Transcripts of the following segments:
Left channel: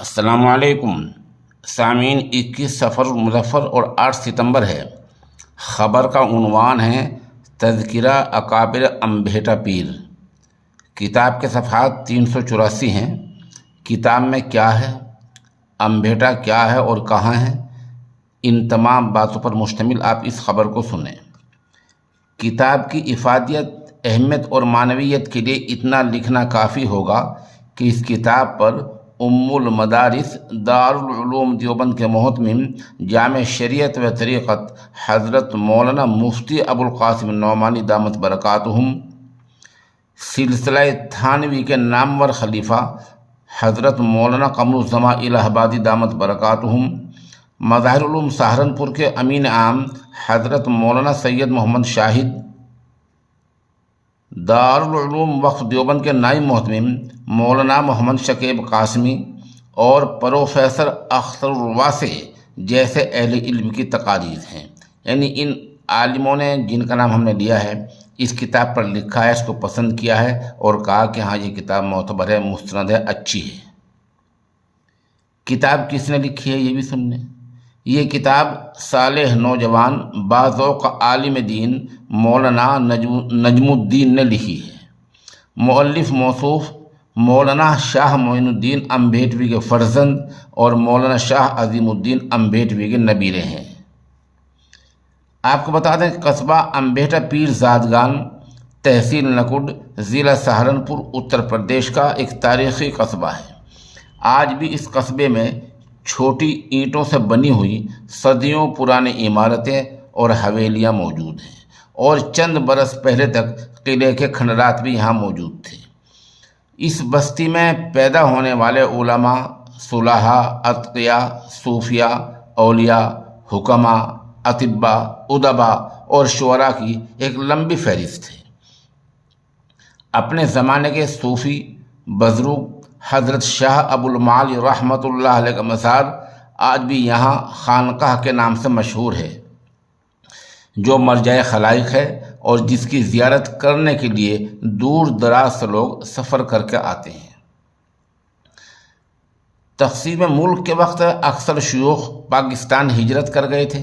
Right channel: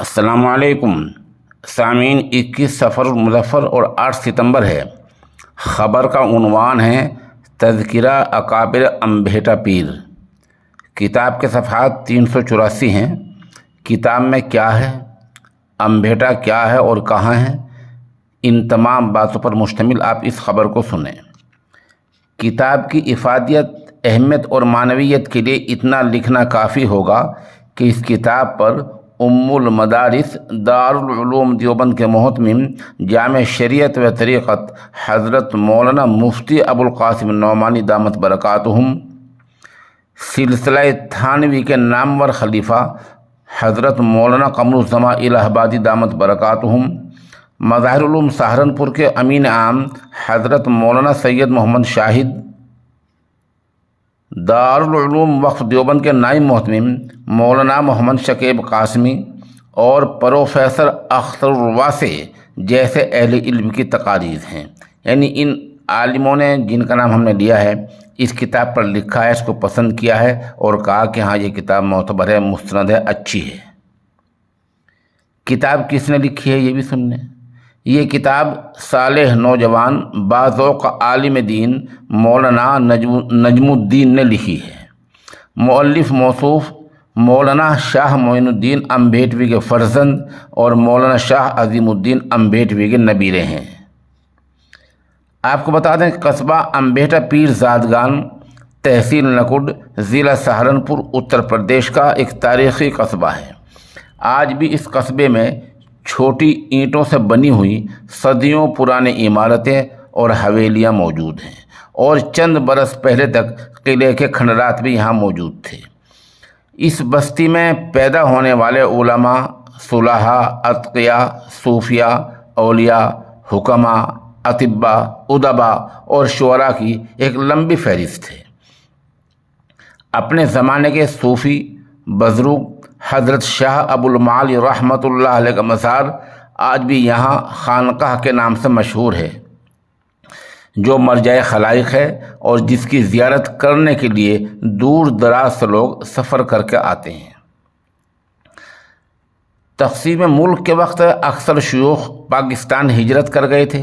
السلام علیکم سامعین، 21 سفر المظفر اور 8 ستمبر ہے۔ خبر کا عنوان ہے تذکرہ اکابر انبھیٹا پیر۔ کتاب کے صفحات 384 ہیں۔ کتاب میں کیا ہے، انبھیٹا کیا ہے اور کہاں ہے، ان تمام باتوں پر مشتمل آپ اس خبر کو سنیں۔ کتاب کی افادیت، اہمیت اور معنویت کے لیے اتنا لکھنا کافی ہوگا کہ اس کتاب پر ام المدارس دارالعلوم دیوبند کے محتمم جامع شریعت و طریقت حضرت مولانا مفتی ابو القاسم نعمانی دامت برکاتہم، سلسلہ تھانوی کے نامور خلیفہ حضرت مولانا قمر الزمان الہ آبادی دامت برکاتہم، مظاہر علوم سہارنپور کے امین عام حضرت مولانا سید محمد شاہد، دارالعلوم وقف دیوبند کے نائب محتمم مولانا محمد شکیب قاسمی اور پروفیسر اختر الواسع جیسے اہل علم کی تقاریر ہیں۔ یعنی ان عالموں نے جن کا نام ہم نے لیا ہے، اس کتاب پر لکھا ہے، اس کو پسند کیا ہے اور کہا کہ ہاں یہ کتاب معتبر ہے، مستند ہے، اچھی ہے۔ کتاب کس نے لکھی ہے یہ بھی سن لیں۔ یہ کتاب صالح نوجوان باذوق عالم دین مولانا نجم الدین نے لکھی ہے۔ مؤلف موصوف مولانا شاہ معین الدین انبھیٹوی کے فرزند اور مولانا شاہ عظیم الدین انبھیٹوی کے نبیرے ہیں۔ آپ کو بتا دیں قصبہ انبھیٹا پیر زادگان، تحصیل نکڈ، ضلع سہارنپور، اتر پردیش کا ایک تاریخی قصبہ ہے۔ آج بھی اس قصبے میں چھوٹی اینٹوں سے بنی ہوئی صدیوں پرانی عمارتیں اور حویلیاں موجود ہیں، اور چند برس پہلے تک قلعے کے کھنڈرات بھی یہاں موجود تھے۔ اس بستی میں پیدا ہونے والے علماء، صلحاء، اتقیاء، صوفیاء، اولیاء، حکماء، اطباء، ادباء اور شعراء کی ایک لمبی فہرست ہے۔ اپنے زمانے کے صوفی بزرگ حضرت شاہ ابو المعالی رحمۃ اللہ علیہ کا مزار آج بھی یہاں خانقاہ کے نام سے مشہور ہے، جو مرجع خلائق ہے اور جس کی زیارت کرنے کے لیے دور دراز سے لوگ سفر کر کے آتے ہیں۔ تقسیم ملک کے وقت اکثر شیوخ پاکستان ہجرت کر گئے تھے،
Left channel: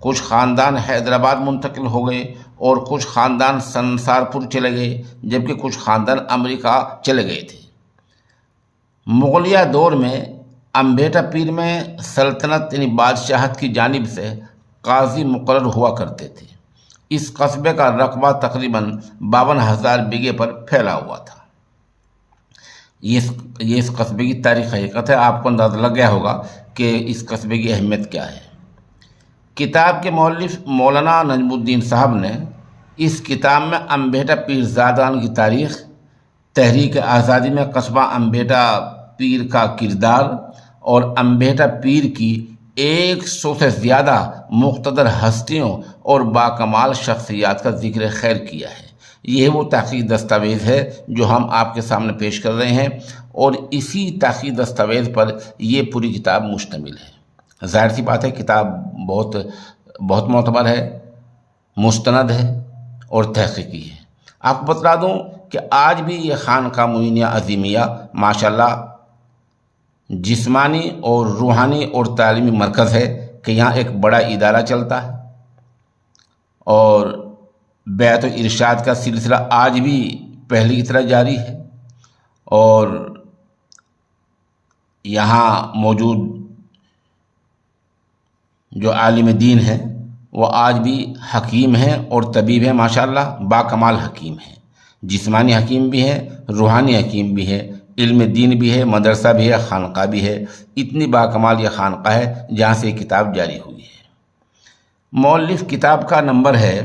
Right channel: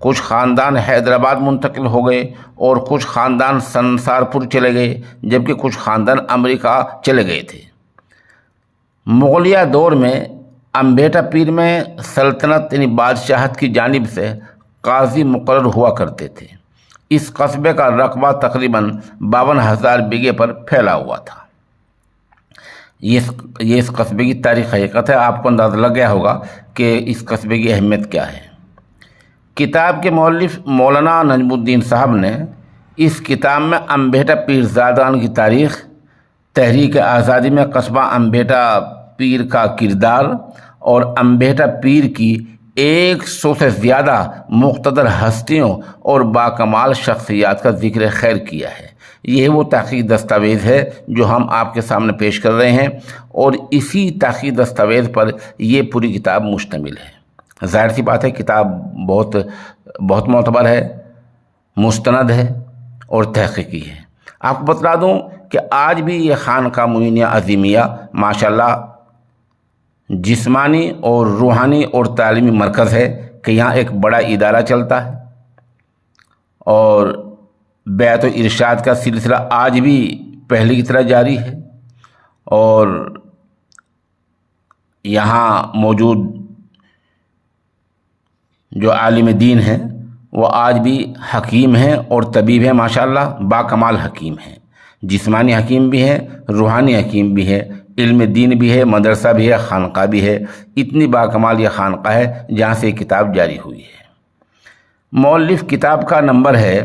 کچھ خاندان حیدرآباد منتقل ہو گئے اور کچھ خاندان سنسارپور چلے گئے، جبکہ کچھ خاندان امریکہ چلے گئے تھے۔ مغلیہ دور میں انبھیٹا پیر میں سلطنت یعنی بادشاہت کی جانب سے قاضی مقرر ہوا کرتے تھے۔ اس قصبے کا رقبہ تقریباً 52,000 بیگھے پر پھیلا ہوا تھا۔ یہ اس قصبے کی تاریخ حقیقت ہے۔ آپ کو اندازہ لگ گیا ہوگا کہ اس قصبے کی اہمیت کیا ہے۔ کتاب کے مؤلف مولانا نجم الدین صاحب نے اس کتاب میں انبھیٹا پیر زادگان کی تاریخ، تحریک آزادی میں قصبہ انبھیٹا پیر کا کردار اور انبھیٹا پیر کی 100 سے زیادہ مقتدر ہستیوں اور باکمال شخصیات کا ذکر خیر کیا ہے۔ یہ وہ تحقیقی دستاویز ہے جو ہم آپ کے سامنے پیش کر رہے ہیں، اور اسی تحقیقی دستاویز پر یہ پوری کتاب مشتمل ہے۔ ظاہر سی بات ہے کتاب بہت معتبر ہے، مستند ہے اور تحقیقی ہے۔ آپ کو بتلا دوں کہ آج بھی یہ خانقاہ معینیہ عظیمیہ ماشاءاللہ جسمانی اور روحانی اور تعلیمی مرکز ہے، کہ یہاں ایک بڑا ادارہ چلتا ہے، اور بیعت و ارشاد کا سلسلہ آج بھی پہلے کی طرح جاری ہے، اور یہاں موجود جو عالم دین ہیں وہ آج بھی حکیم ہیں اور طبیب ہیں، ماشاءاللہ باکمال حکیم ہیں، جسمانی حکیم بھی ہیں، روحانی حکیم بھی ہے، علم دین بھی ہے، مدرسہ بھی ہے، خانقاہ بھی ہے۔ اتنی باکمال یہ خانقاہ ہے جہاں سے یہ کتاب جاری ہوئی ہے۔ مؤلف کتاب کا نمبر ہے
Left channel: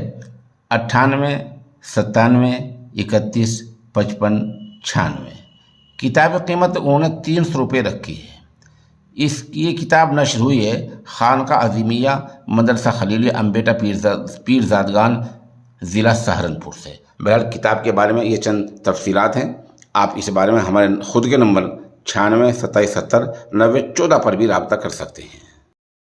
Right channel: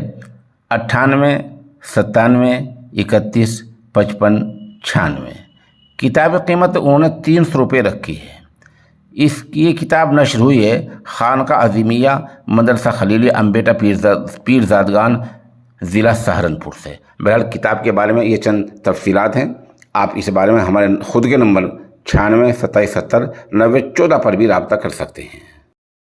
98 97 31 55 96۔ کتاب کیمت انہوں نے 300 روپے رکھی ہے۔ یہ کتاب نشر ہوئی ہے خانقاہ عظیمیہ مدرسہ خلیلی انبھیٹا پیر زادگان، ضلع سہارنپور سے۔ بہرحال کتاب کے بارے میں یہ چند تفصیلات ہیں۔ آپ اس بارے میں ہمارے خود کے نمبر 96 27 70 90 14 پر بھی رابطہ کر سکتے ہیں۔